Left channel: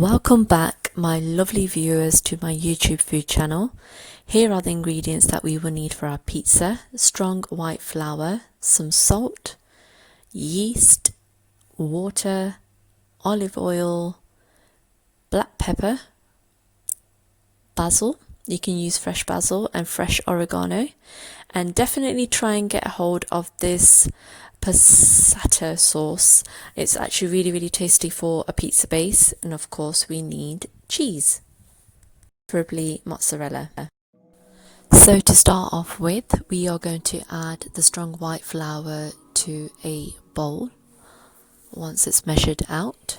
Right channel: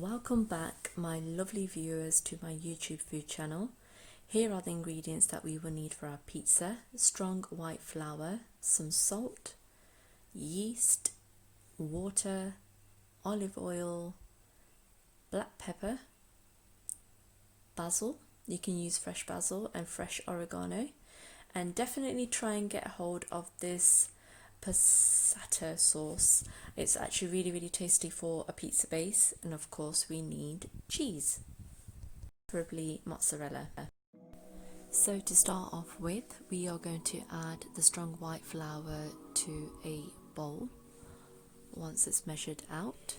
Welcome back, my lovely viewers, to my YouTube food channel. Here are the ingredients that we will need for our pizza: strong white flour, some salt, yeast, water, olive oil, black pepper, basil. You can use fresh basil and fresh oregano, and definitely try and get a hold of this Passata sauce. It's actually really tasty for a pizza base. And of course we need cheese, preferably mozzarella. So to start off with, we are going to add the strong white flour to a bowl once it's measured out,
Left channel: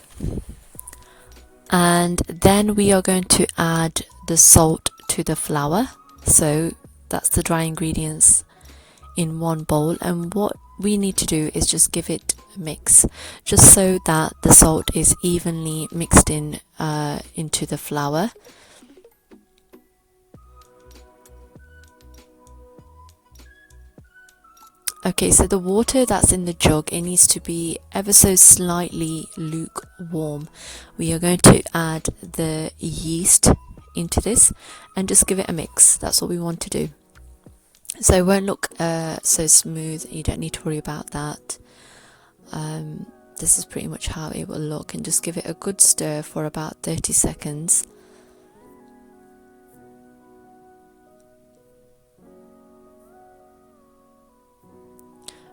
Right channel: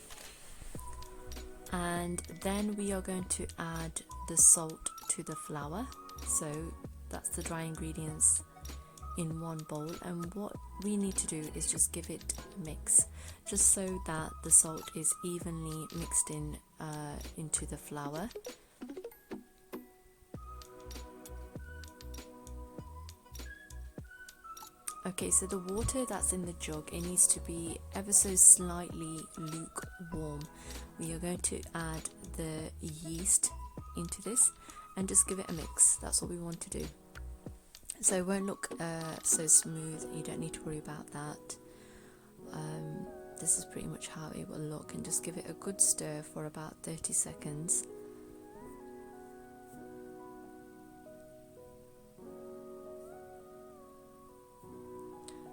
and then we are going to add the salt to the flour. So that's the dry ingredients in one bowl, and what we need to do is just give it a mix, just so that the salt is evenly mixed in into the flour. Okay, so the water that's in the jug, it needs to be ever so slightly lukewarm. We are going to add the yeast into this and just give it a mix. That's what we want to do. So it won't look so smooth. You don't need to worry about that. This is pretty much how it will look, and just give it a good stir for about 30 seconds.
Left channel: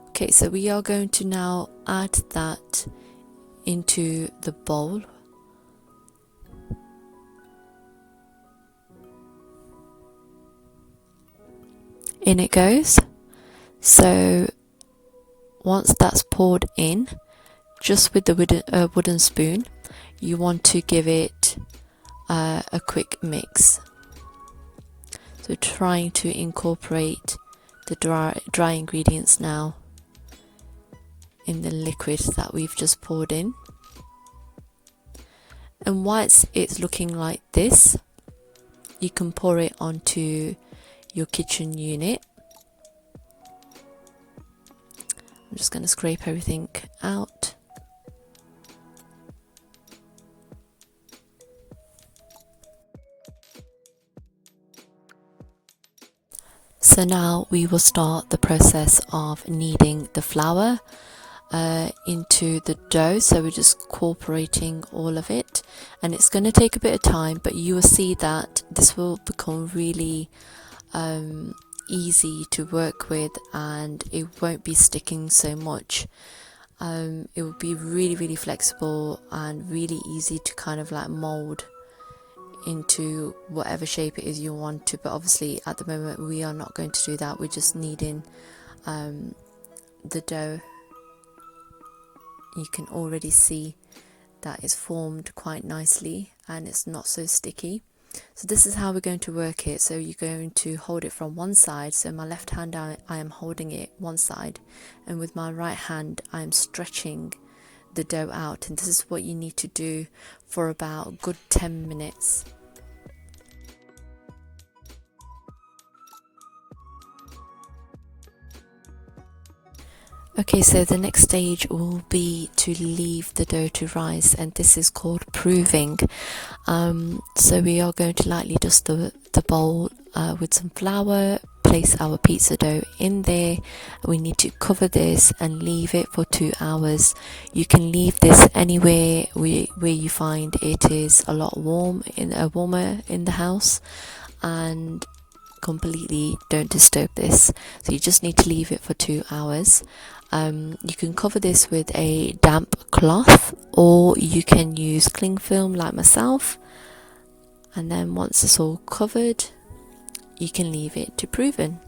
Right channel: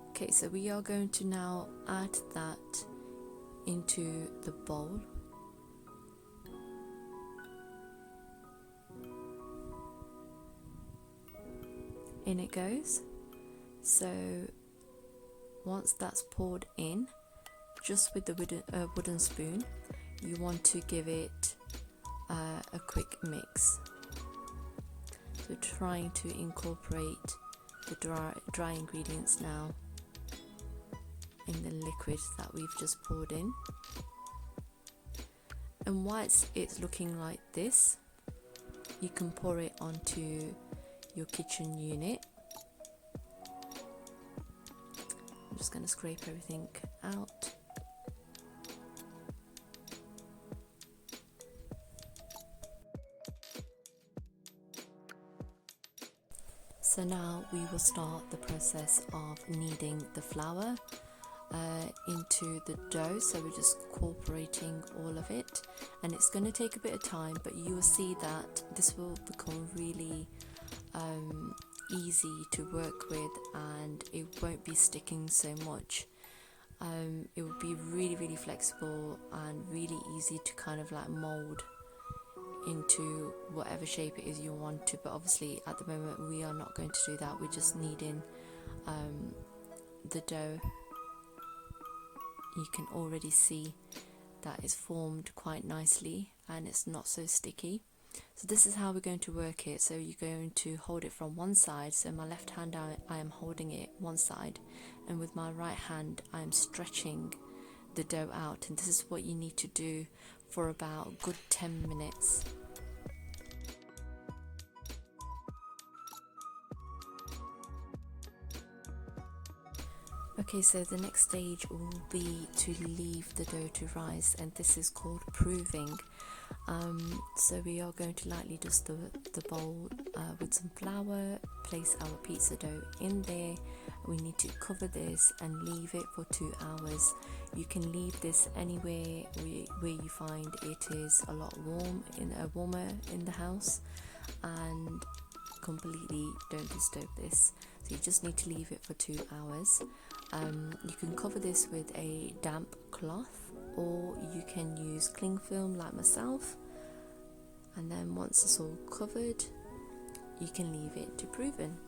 Okay, so we are going to now add that into the bowl. In it goes. So once that's poured in, just with the wooden spoon, you want to give it a quick mix. So trying to incorporate the dry ingredients now in the liquid that we've just poured in. And once it's looking like this, you can pour it onto your kitchen unit. I'm just going to scrape everything out. So now we will start the process of kneading the flour into the dough. So we're just incorporating all of it, and it's going to take a bit of time, but you will see that this will become really easy to work with, and it won't be sticking so much. It will be really flexible and really easy to kind of like mold into whatever shape it is you want to, but obviously at the moment we are not going to do that. We're just kneading the dough. You can already see that it's formed quite nicely and it's not so sticky. So this is how we're going to work it. So you're going to hold it from one side. So my left hand, I am holding it one side, and with my right hand I am stretching the dough out, and this is what you need to do for about a good 10 minutes. Okay, so the next stage will be to leave the dough to rise, and this is called proving. So we are going to lightly dust the bowl with some flour, place our pizza dough in there. We need to cover this and leave it for 2 hours. You can leave this anywhere where you find it is a lot warmer in the house, and completely don't disturb this. So you just need to leave it for 2 hours. You can cover this with a damp cloth, or you can use cling film like myself, and then once it's all covered, you can leave it to proven.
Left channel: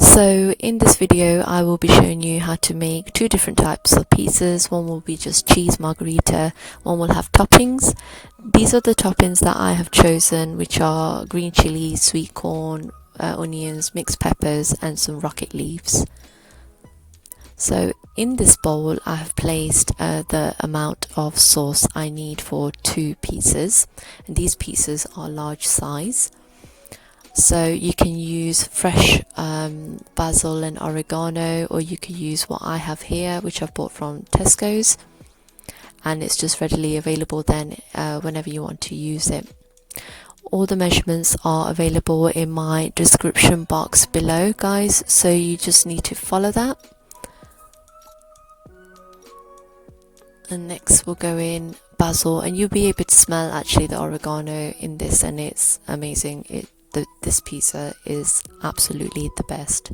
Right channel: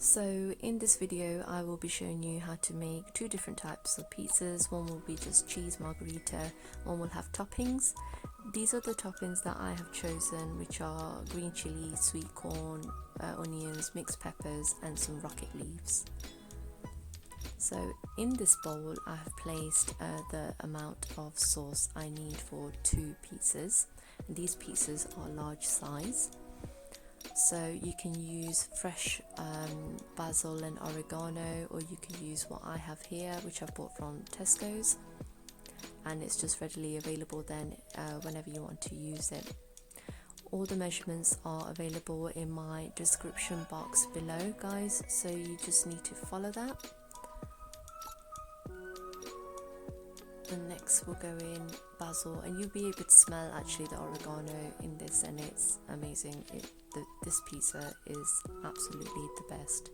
So in this video I will be showing you how to make 2 different types of pizzas. One will be just cheese margherita, one will have toppings. These are the toppings that I have chosen, which are green chili, sweet corn, onions, mixed peppers and some rocket leaves. So in this bowl I have placed the amount of sauce I need for 2 pizzas, and these pizzas are large size. So you can use fresh basil and oregano, or you could use what I have here, which I've bought from Tesco's, and it's just readily available then whenever you want to use it. All the measurements are available in my description box below, guys, so you just need to follow that. And next we'll go in basil, and you'll be able to smell actually the oregano in this, and it's amazing. This pizza is absolutely the best.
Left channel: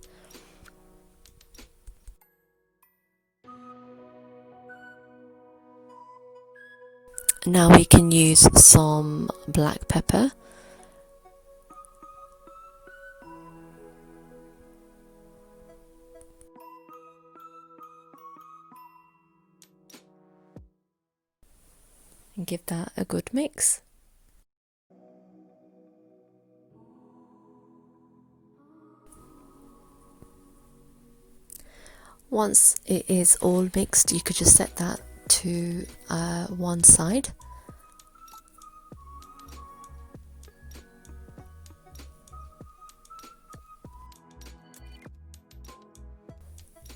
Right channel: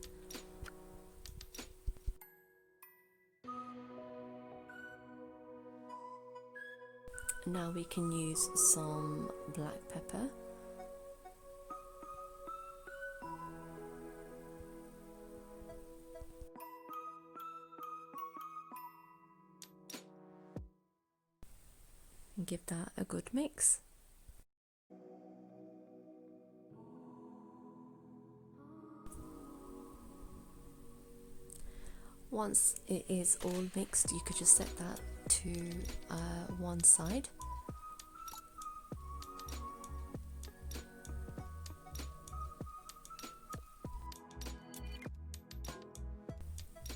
Now we can use some black pepper. And give that a good mix. Once it is all mixed, you could just set that to one side.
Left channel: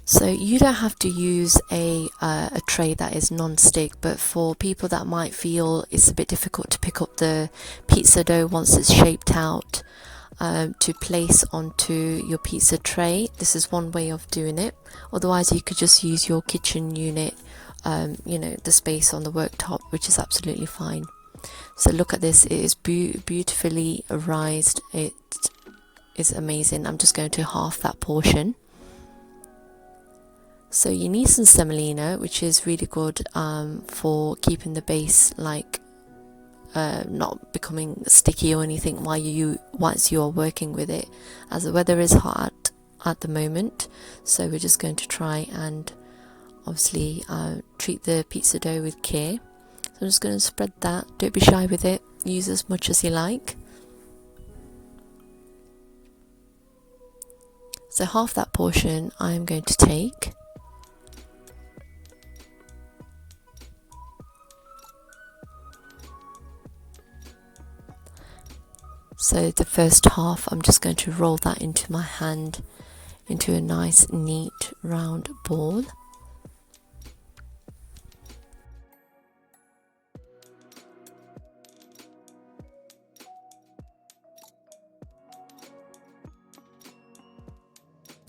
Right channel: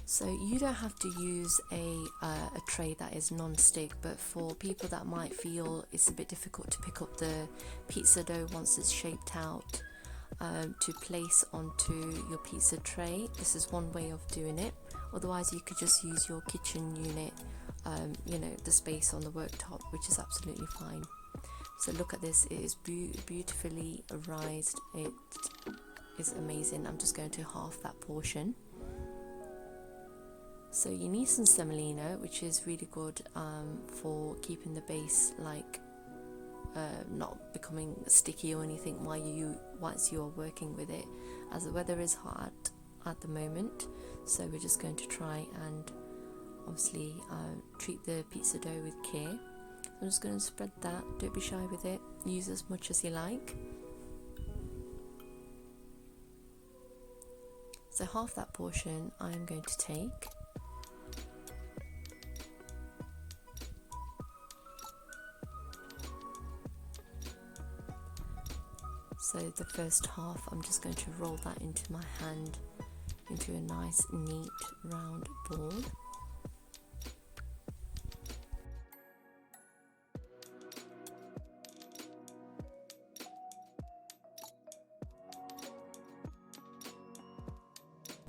So you don't have to use a tray that is non-stick, but for people that might feel it's a bit difficult to pick up the pizza dough once it's shaped out, to place onto your pizza tray, this is one way of doing it. Otherwise you could just use your kitchen unit, the space on the worktop, which is absolutely fine. So look at this, it is beautifully rised. It is amazing. I'm just going to half that portion. So you need some semolina, which is really good for keeping the base not becoming sticky or anything once you are working with it, as the weather is hot at the moment. So we're just going to try and obviously treat the pizza dough with care. So I'm just going to spread that. Don't be shy with it, use as much as you like. So half that portion I'm going to take. So the first half, I'm just going to roll that into my hand into a nice neat round ball.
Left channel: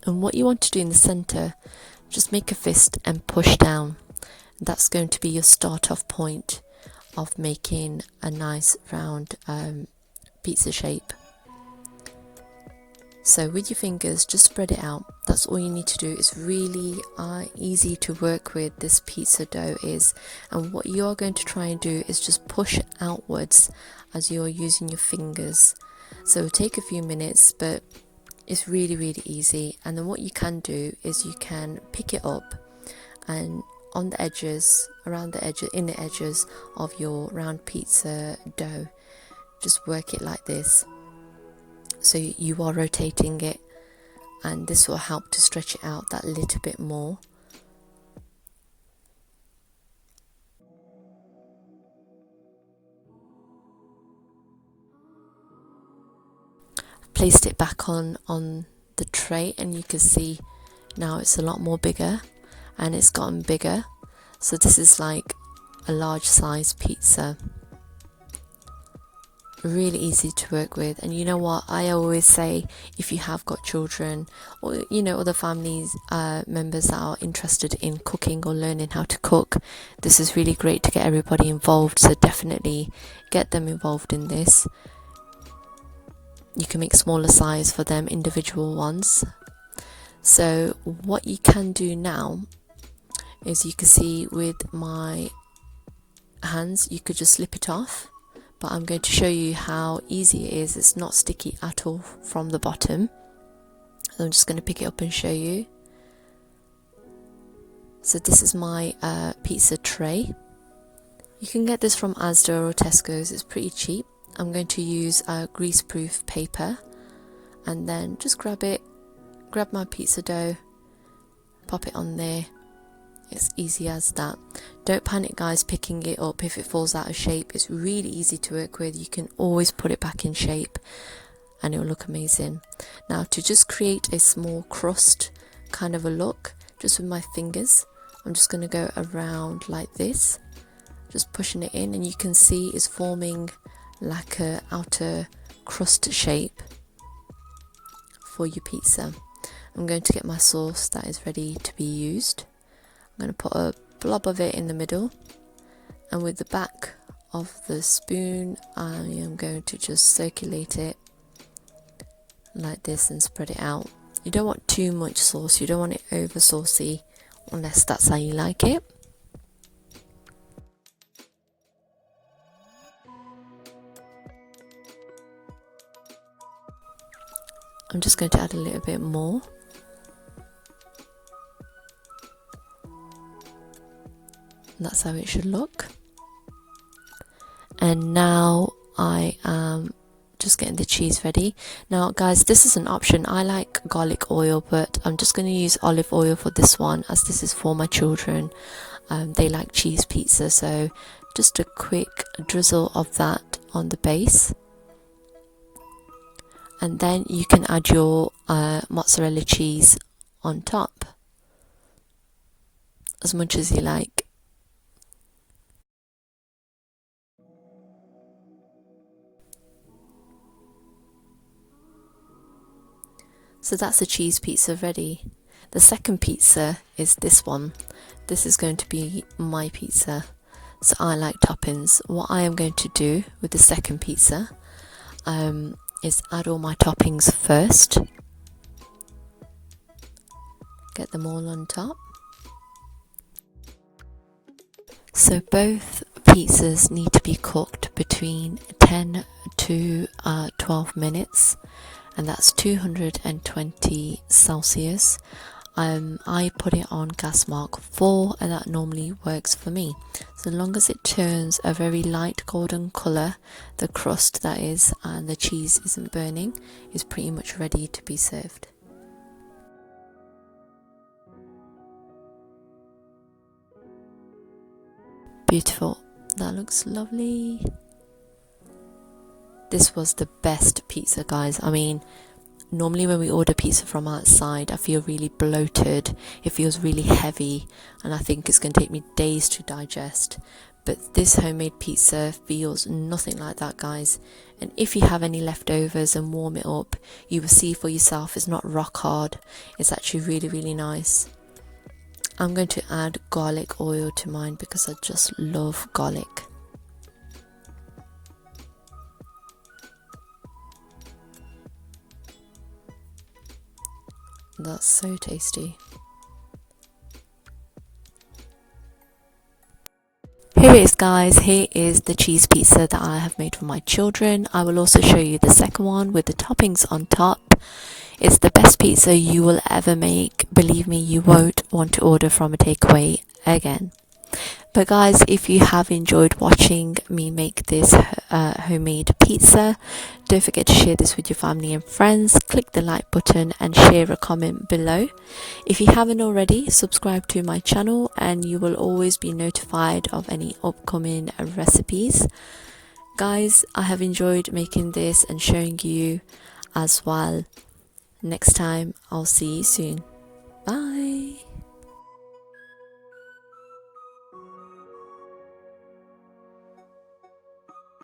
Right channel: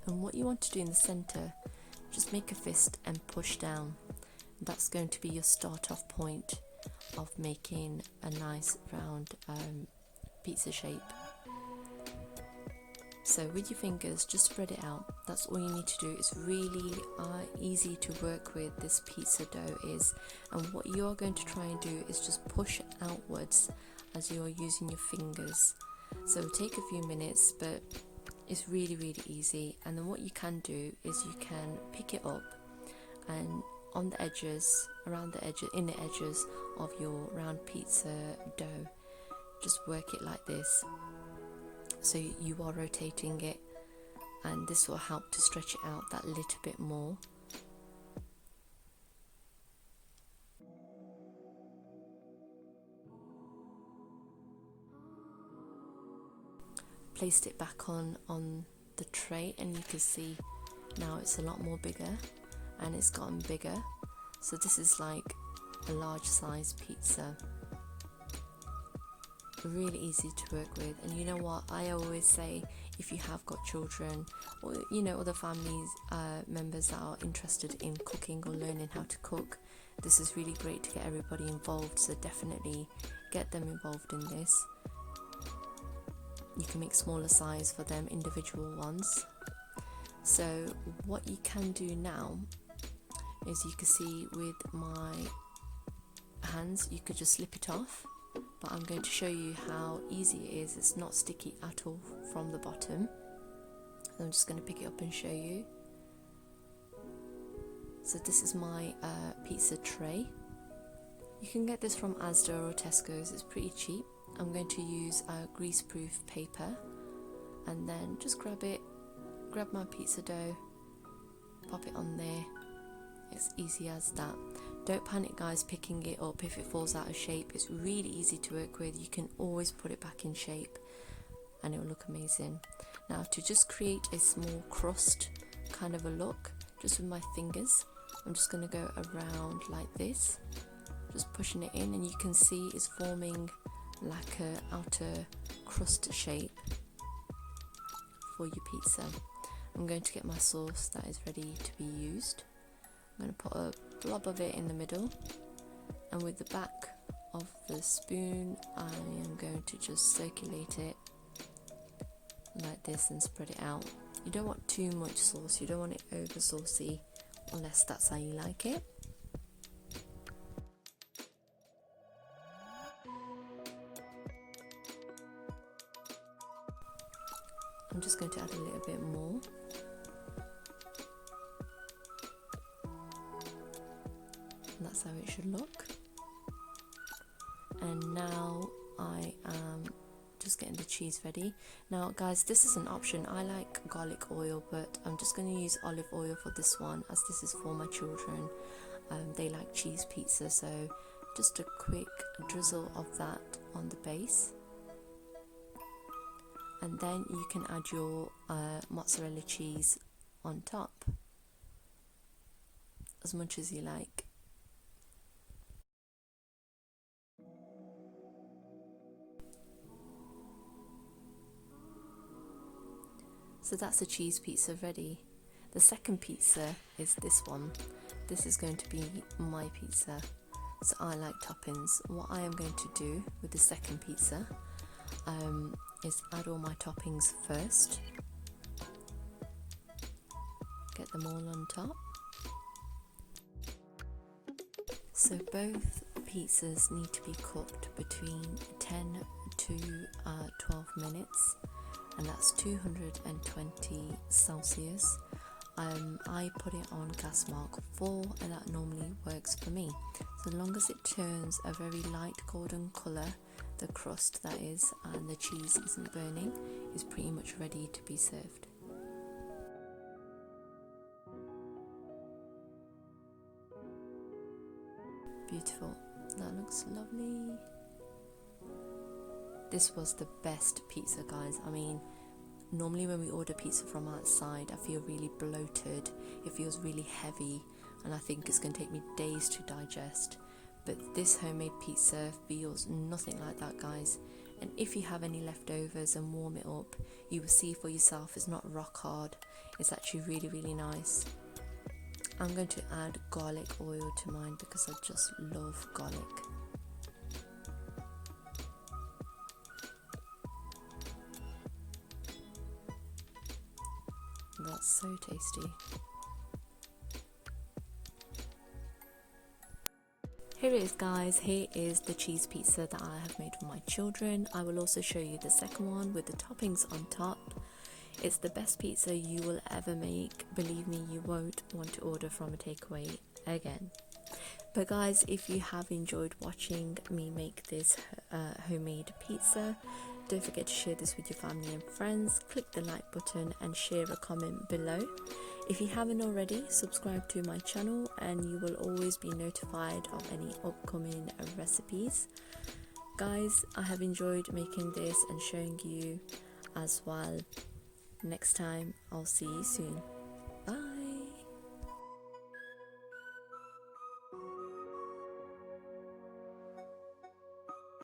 And what you want to do in the center, just make a fist and push down. That's going to be your start off point of making a nice round pizza shape. So with your fingers, just spread it out. That's all you need to do. It's really easy to work with, this pizza dough is. And what you're going to try and do is just push outwards as you're using your fingers. So it'll take a few minutes, but it's really easy. And then what you can do is you can pick it up, and on the edges, around the edges, in the edges of your round pizza dough, just work it like this. So you are rotating it, and this will help to stretch it out that little bit more. Placed it back on the tray, and you can see now it's a lot more bigger, and it's gotten bigger. So this is like a large size pizza. Really easy to work with. And you know what, I always say, if you have got children or other families members that are interested in cooking or learning how to cook, this is really great to get everybody involved. So definitely get them involved in this. You can make smaller size for them, individual ones. So what you can do now is, you can see with my hands, you could just slip it off, but I'm going to show you how easy it is. It's not sticky at all from the bottom. So I'm just going to pick it up and show you. So this is my pizza tray. You can get this from Asda or Tesco's, it's pretty cheap. I'm going to use grease-proof paper, and then just grab my pizza dough, pop it on there. It's easy as that. Don't panic guys picking it up if it falls out of shape. It's really easy to work with. You can always put it back in shape and it will look amazing. Now to just create a small crust kind of a look, just with my fingers, I'm just going to go around like this, just pushing it in, and you can see it's forming like a outer crust shape for your pizza. I'm going to get my sauce that is ready to be used. I'm going to put a blob of it in the middle, and with the back of the spoon I am going to just circulate it like this and spread it out. You don't want too much sauce, you don't want it over saucy unless that's how you like it. I'm just going to add a little bit more. That's how it should look. And now I am just getting the cheese ready. Now guys, this is an option. I like garlic oil, but I'm just going to use olive oil for this one, as this is for my children. They like cheese pizza, so just a quick drizzle of that on the base. And then you can add your mozzarella cheese on top as much as you like. So that's the cheese pizza ready. The second pizza is this one. This is going to be my pizza. So I like toppings. What I am going to do with the second pizza is add all my toppings first. Get them all on top. So both pizzas need to be cooked between 10 to 12 minutes. And that's 220 Celsius. I put it on gas mark 4, and that normally works for me. So long as it turns a very light golden colour, the crust that is, and the cheese isn't burning, is pretty much ready to be served. Beautiful. That looks lovely. This was the best pizza, guys. I mean, normally when we order pizza from outside, I feel really bloated. It feels really heavy, and I think it's going to take me days to digest. But this homemade pizza feels nothing like that, guys. And if you have any leftovers and warm it up, you will see for yourself it's not rock hard. It's actually really, really nice. I'm going to add garlic oil to mine because I just love garlic. That's so tasty. Here it is, guys. Here is the cheese pizza that I have made for my children. I will also show you the second one with the toppings on top. It's the best pizza you will ever make. Believe me, you won't want to order from a takeaway again. But guys, if you have enjoyed watching me make this homemade pizza, don't forget to share this with your family and friends. Click the like button and share a comment below. If you haven't already, subscribe to my channel and you will always be notified of any upcoming recipes. Guys, I have enjoyed making this and showing you as well. Next time, I'll see you soon. Bye.